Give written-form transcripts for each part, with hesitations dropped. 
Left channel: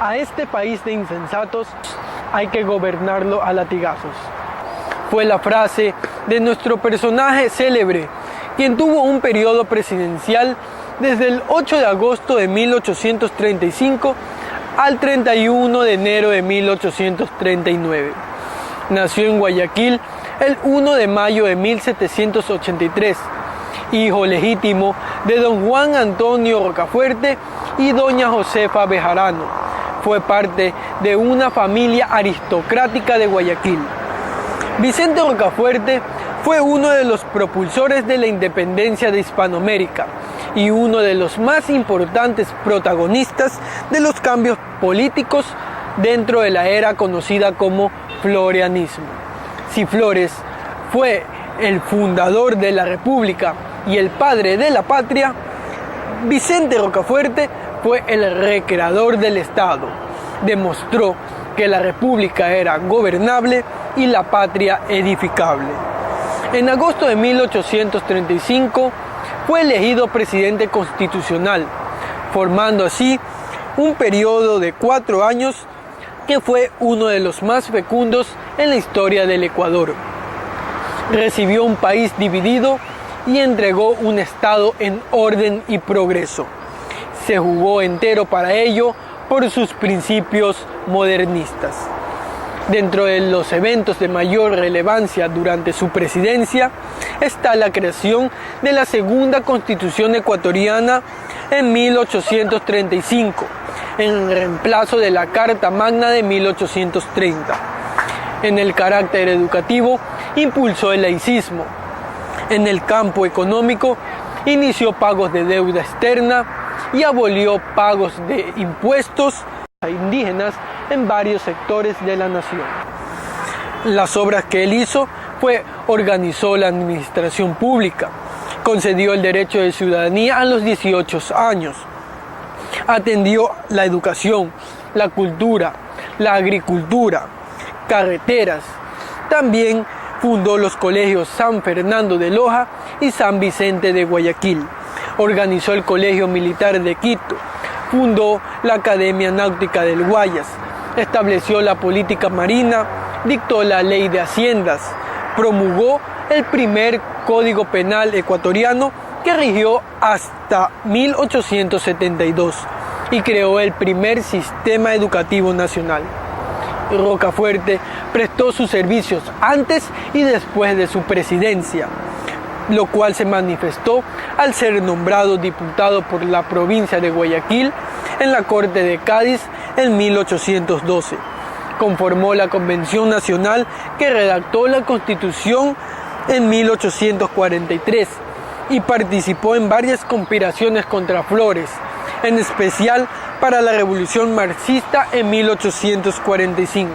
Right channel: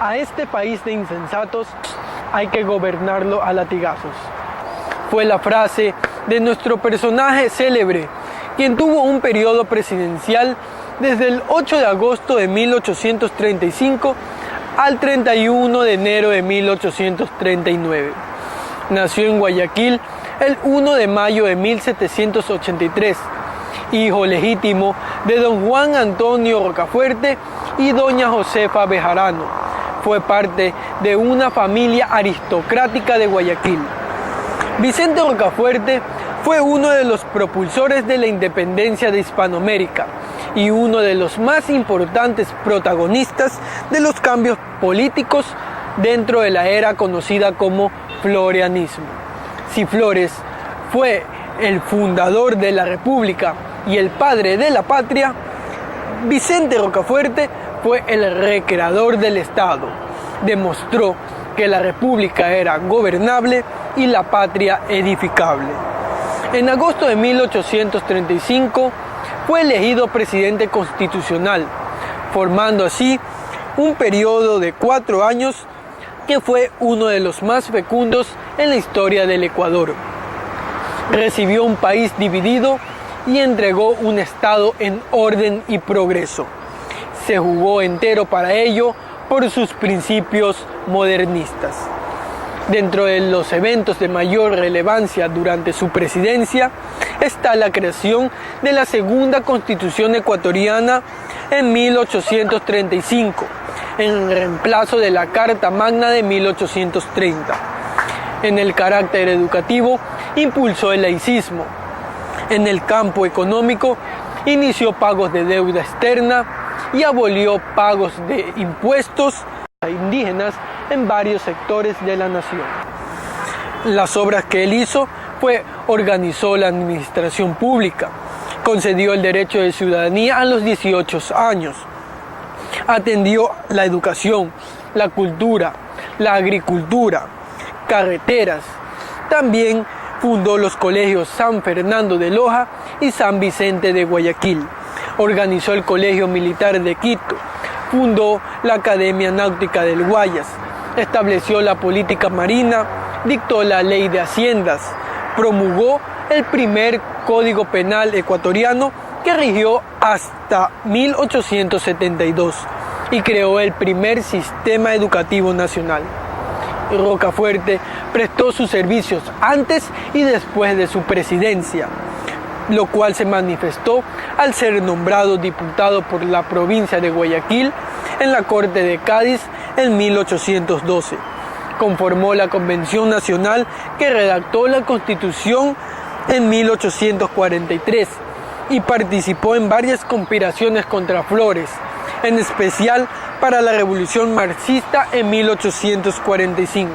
A este país de insensatos hay que gobernarlo a latigazos. Fue la frase de nuestro personaje célebre, quien tuvo un periodo presidencial desde el 8 de agosto de 1835 al 31 de enero de 1839. Nació en Guayaquil el 1 de mayo de 1783, hijo legítimo de don Juan Antonio Rocafuerte y doña Josefa Bejarano. Fue parte de una familia aristocrática de Guayaquil. Vicente Rocafuerte fue uno de los propulsores de la independencia de Hispanoamérica y uno de los más importantes protagonistas de los cambios políticos dentro de la era conocida como florianismo. Si Flores fue el fundador de la República y el padre de la patria, Vicente Rocafuerte fue el recreador del Estado. Demostró que la República era gobernable y la patria edificable. En agosto de 1835 fue elegido presidente constitucional, formando así un periodo de 4 años que fue uno de los más fecundos en la historia del Ecuador. Recibió un país dividido y entregó un Estado en orden y progreso. Se jugó entero para ello por sus principios modernistas. Dentro de los eventos de mayor relevancia durante su presidencia está la creación de la segunda Constitución ecuatoriana en 1835, en reemplazo de la Carta Magna de 1830. En el carácter educativo, impulsó el laicismo. En el campo económico, inició pagos de deuda externa y abolió pagos de impuestos a indígenas en varios sectores de la nación. Las obras que él hizo organizó la administración pública, concedió el derecho de ciudadanía a los 18 años, atendió la educación, la cultura, la agricultura, carreteras. También fundó los colegios San Fernando de Loja y San Vicente de Guayaquil. Organizó el Colegio Militar de Quito, fundó la Academia Náutica del Guayas, estableció la política marina, dictó la ley de haciendas, promulgó el primer Código Penal ecuatoriano que rigió hasta 1872 y creó el primer sistema educativo nacional. Rocafuerte prestó sus servicios antes y después de su presidencia, lo cual se manifestó al ser nombrado diputado por la provincia de Guayaquil en la Corte de Cádiz en 1812. Conformó la Convención Nacional que redactó la Constitución en 1843 y participó en varias conspiraciones contra Flores, en especial para la Revolución Marxista en 1845.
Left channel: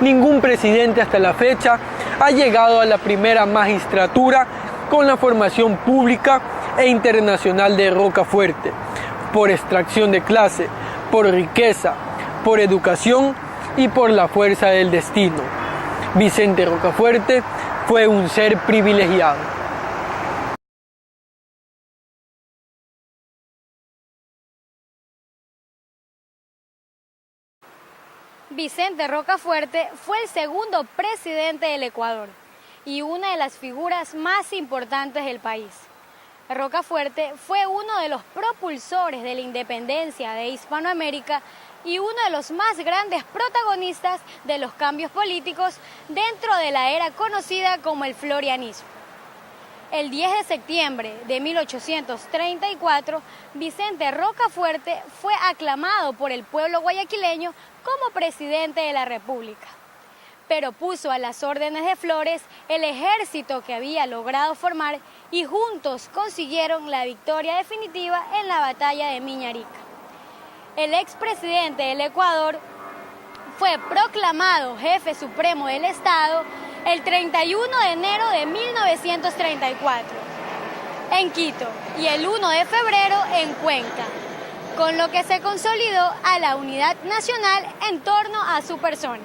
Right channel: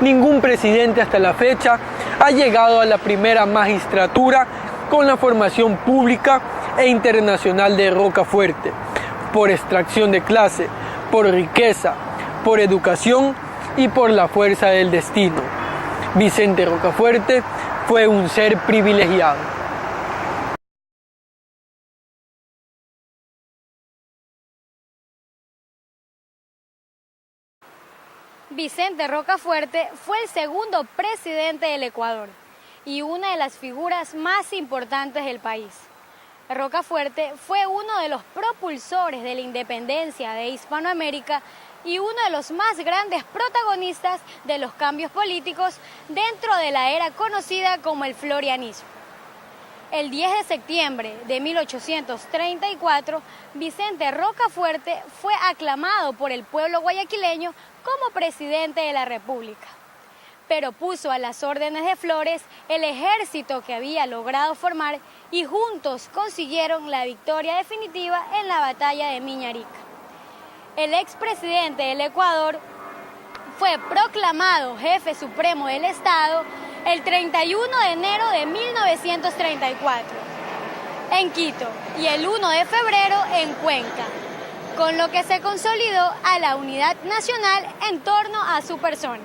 Ningún presidente hasta la fecha ha llegado a la primera magistratura con la formación pública e internacional de Rocafuerte, por extracción de clase, por riqueza, por educación y por la fuerza del destino. Vicente Rocafuerte fue un ser privilegiado. Vicente Rocafuerte fue el segundo presidente del Ecuador y una de las figuras más importantes del país. Rocafuerte fue uno de los propulsores de la independencia de Hispanoamérica y uno de los más grandes protagonistas de los cambios políticos dentro de la era conocida como el florianismo. El 10 de septiembre de 1834, Vicente Rocafuerte fue aclamado por el pueblo guayaquileño como presidente de la República, pero puso a las órdenes de Flores el ejército que había logrado formar y juntos consiguieron la victoria definitiva en la batalla de Miñarica. El expresidente del Ecuador fue proclamado jefe supremo del Estado el 31 de enero de 1934 en Quito y el 1 de febrero en Cuenca, con lo que se consolidó a la unidad nacional en torno a su persona.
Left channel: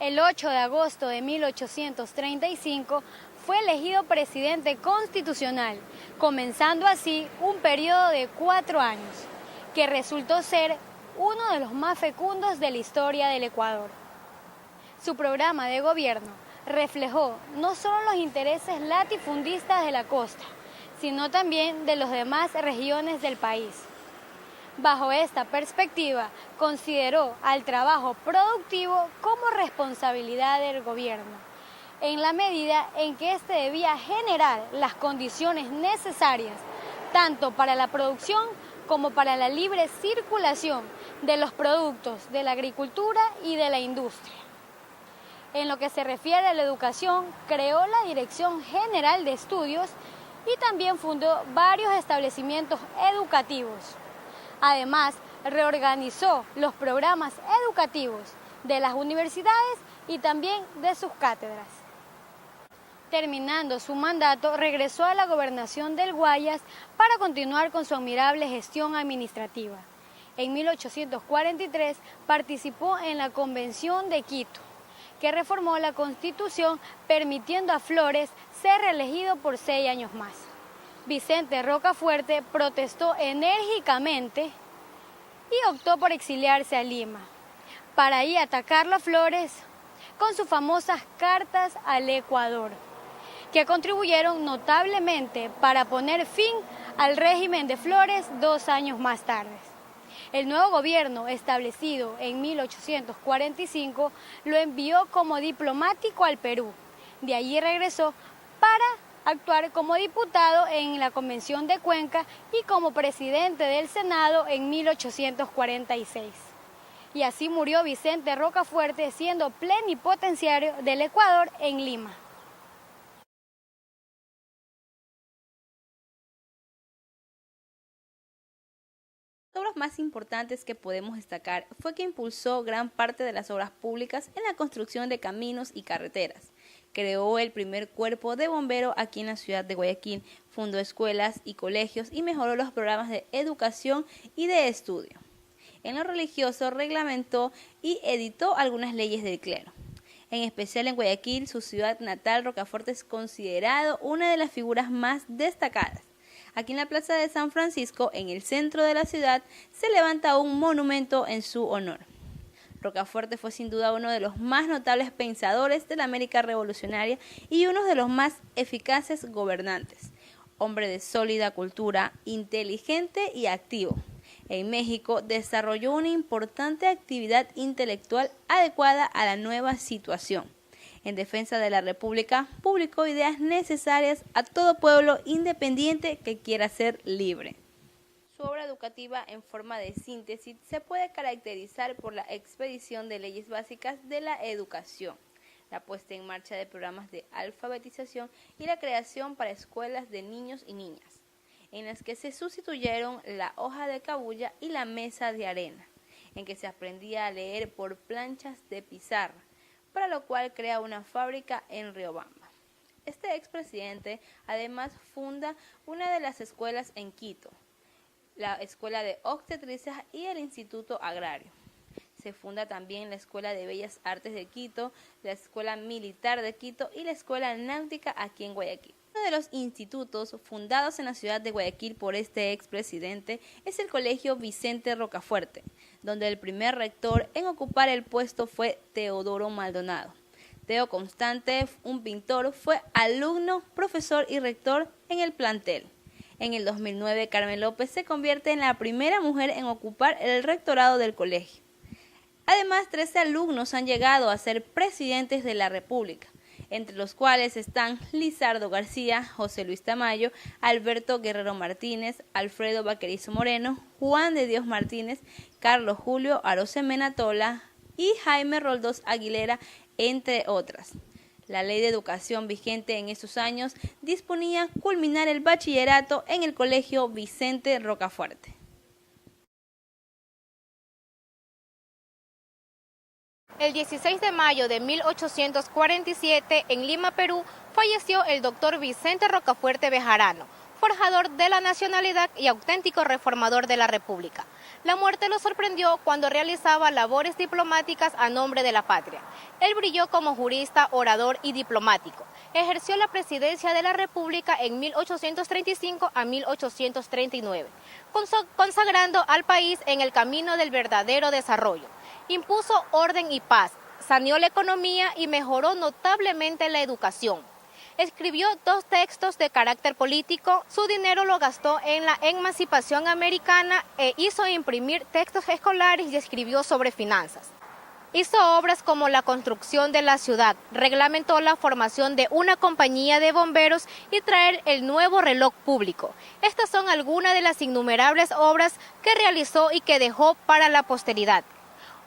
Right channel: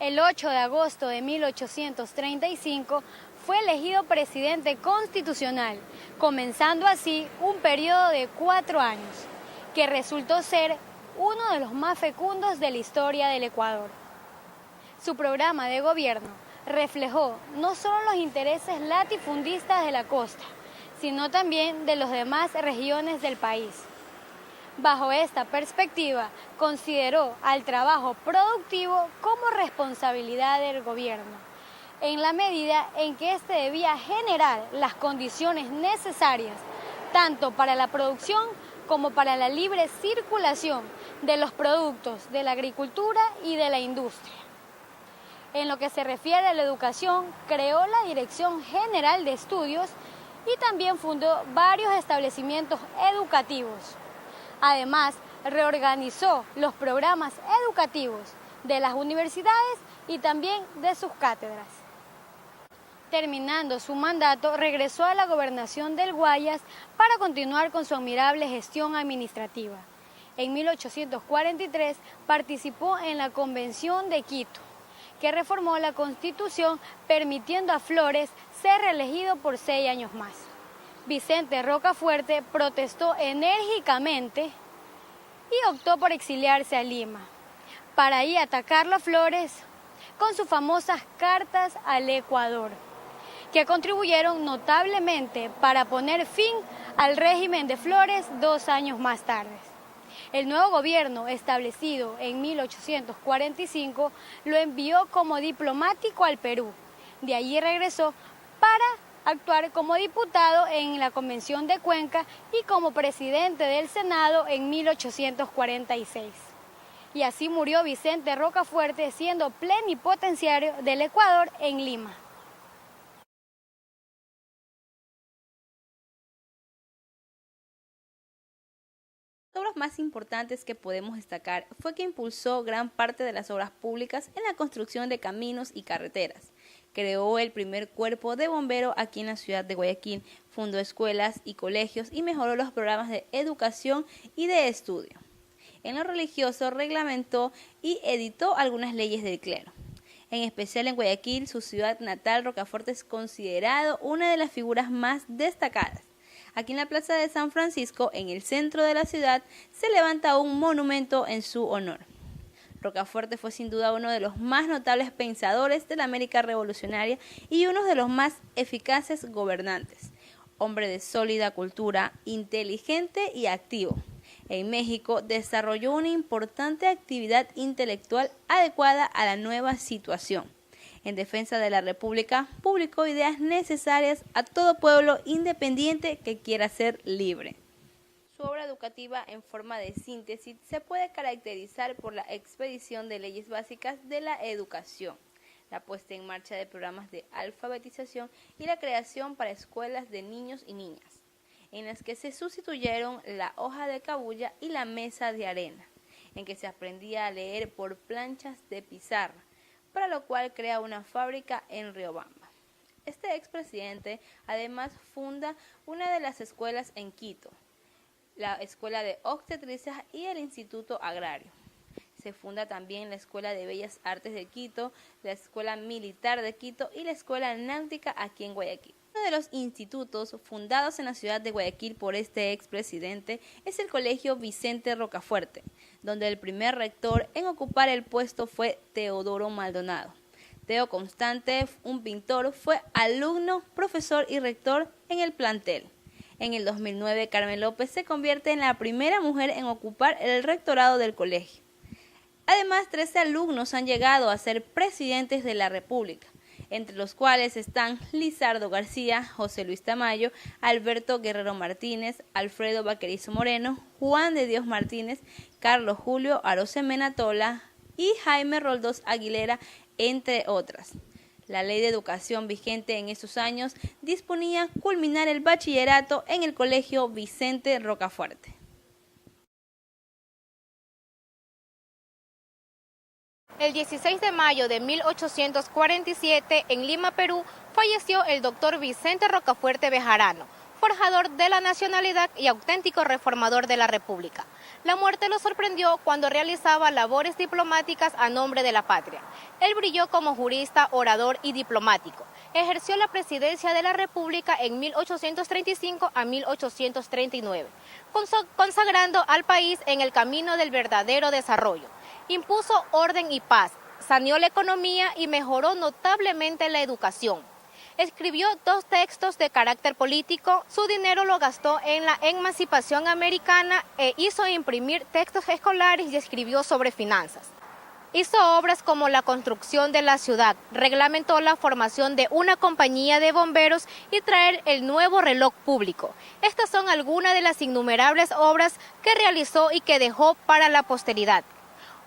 El 8 de agosto de 1835 fue elegido presidente constitucional, comenzando así un periodo de 4 años. que resultó ser uno de los más fecundos de la historia del Ecuador. Su programa de gobierno reflejó no solo los intereses latifundistas de la costa, sino también de las demás regiones del país. Bajo esta perspectiva, consideró al trabajo productivo como responsabilidad del gobierno, en la medida en que éste debía generar las condiciones necesarias tanto para la producción como para la libre circulación de los productos de la agricultura y de la industria. En lo que se refiere a la educación, creó la Dirección General de Estudios y también fundó varios establecimientos educativos. Además, reorganizó los programas educativos de las universidades y también de sus cátedras. Terminando su mandato, regresó a la gobernación del Guayas para continuar con su admirable gestión administrativa. En 1843 participó en la Convención de Quito, que reformó la Constitución permitiendo a Flores ser reelegido por 6 años más. Vicente Rocafuerte protestó enérgicamente y optó por exiliarse a Lima, para ahí atacarlo a Flores con sus famosas cartas al Ecuador, que contribuyeron notablemente para poner fin al régimen de Flores 2 años más tarde. El nuevo gobierno, establecido en 1845, lo envió como diplomático al Perú. De allí regresó para actuar como diputado en la Convención de Cuenca y como presidente del Senado en 1846. Y así murió Vicente Rocafuerte, siendo plenipotenciario del Ecuador en Lima. Las obras más importantes que podemos destacar fue que impulsó gran parte de las obras públicas en la construcción de caminos y carreteras. Creó el primer cuerpo de bomberos aquí en la ciudad de Guayaquil, fundó escuelas y colegios y mejoró los programas de educación y de estudio. En lo religioso reglamentó y editó algunas leyes del clero. En especial en Guayaquil, su ciudad natal, Rocafuerte es considerado una de las figuras más destacadas. Aquí en la Plaza de San Francisco, en el centro de la ciudad, se levanta un monumento en su honor. Rocafuerte fue sin duda uno de los más notables pensadores de la América revolucionaria y uno de los más eficaces gobernantes. Hombre de sólida cultura, inteligente y activo. En México desarrolló una importante actividad intelectual adecuada a la nueva situación. En defensa de la República, publicó ideas necesarias a todo pueblo independiente que quiera ser libre. Su obra educativa en forma de síntesis se puede caracterizar por la expedición de leyes básicas de la educación, la puesta en marcha de programas de alfabetización y la creación para escuelas de niños y niñas, en las que se sustituyeron la hoja de cabuya y la mesa de arena, en que se aprendía a leer por planchas de pizarra, para lo cual crea una fábrica en Riobamba. Este expresidente además funda una de las escuelas en Quito, la Escuela de Obstetricia y el Instituto Agrario. Se funda también la Escuela de Bellas Artes de Quito, la Escuela Militar de Quito y la Escuela Náutica aquí en Guayaquil. Uno de los institutos fundados en la ciudad de Guayaquil por este expresidente es el Colegio Vicente Rocafuerte, donde el primer rector en ocupar el puesto fue Teodoro Maldonado. Teo Constante, un pintor, fue alumno, profesor y rector en el plantel. En el 2009, Carmen López se convierte en la primera mujer en ocupar el rectorado del colegio. Además, 13 alumnos han llegado a ser presidentes de la República, entre los cuales están Lizardo García, José Luis Tamayo, Alberto Guerrero Martínez, Alfredo Vaquerizo Moreno, Juan de Dios Martínez, Carlos Julio Arosemena Tola y Jaime Roldós Aguilera, entre otras. La ley de educación vigente en esos años disponía culminar el bachillerato en el Colegio Vicente Rocafuerte. El 16 de mayo de 1847, en Lima, Perú, falleció el doctor Vicente Rocafuerte Bejarano, forjador de la nacionalidad y auténtico reformador de la República. La muerte lo sorprendió cuando realizaba labores diplomáticas a nombre de la patria. Él brilló como jurista, orador y diplomático. Ejerció la presidencia de la República en 1835 a 1839. consagrando al país en el camino del verdadero desarrollo. Impuso orden y paz, saneó la economía y mejoró notablemente la educación. Escribió 2 textos de carácter político, su dinero lo gastó en la emancipación americana e hizo imprimir textos escolares y escribió sobre finanzas. Hizo obras como la construcción de la ciudad, reglamentó la formación de una compañía de bomberos y traer el nuevo reloj público. Estas son algunas de las innumerables obras que realizó y que dejó para la posteridad.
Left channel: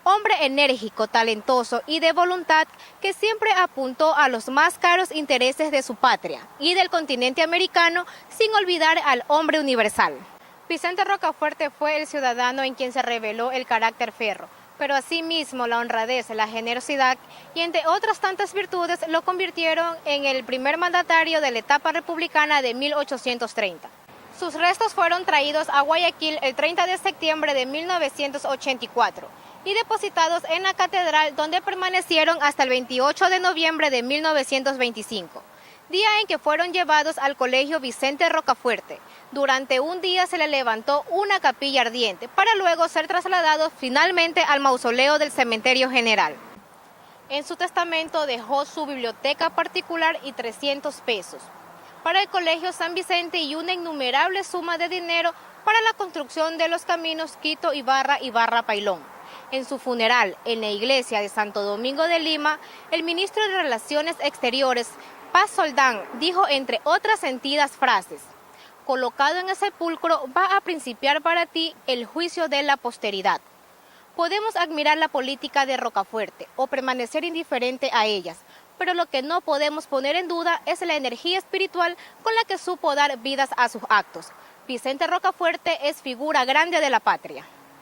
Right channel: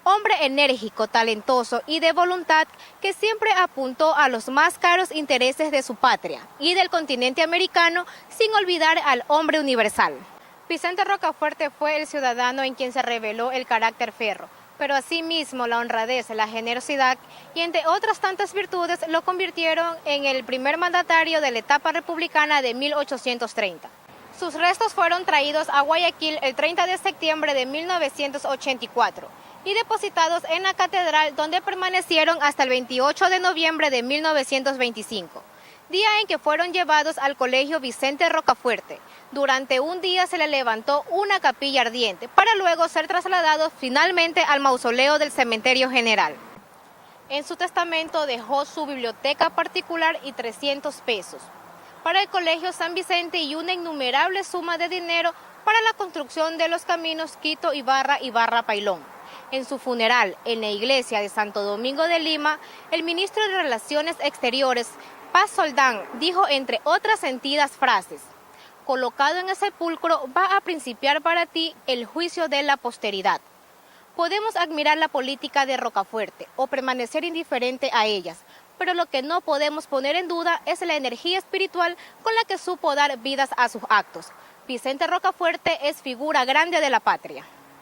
Hombre enérgico, talentoso y de voluntad que siempre apuntó a los más caros intereses de su patria y del continente americano sin olvidar al hombre universal. Vicente Rocafuerte fue el ciudadano en quien se reveló el carácter férreo, pero asimismo la honradez, la generosidad y entre otras tantas virtudes lo convirtieron en el primer mandatario de la etapa republicana de 1830. Sus restos fueron traídos a Guayaquil el 30 de septiembre de 1984. Y depositados en la catedral donde permanecieron hasta el 28 de noviembre de 1925, día en que fueron llevados al Colegio Vicente Rocafuerte. Durante un día se le levantó una capilla ardiente para luego ser trasladados finalmente al mausoleo del Cementerio General. En su testamento dejó su biblioteca particular y 300 pesos para el Colegio San Vicente y una innumerable suma de dinero para la construcción de los caminos Quito-Ibarra y Barra-Pailón. En su funeral en la iglesia de Santo Domingo de Lima, el ministro de Relaciones Exteriores, Paz Soldán, dijo entre otras sentidas frases: colocado en el sepulcro va a principiar para ti el juicio de la posteridad. Podemos admirar la política de Rocafuerte o permanecer indiferente a ellas, pero lo que no podemos poner en duda es la energía espiritual con la que supo dar vidas a sus actos. Vicente Rocafuerte es figura grande de la patria.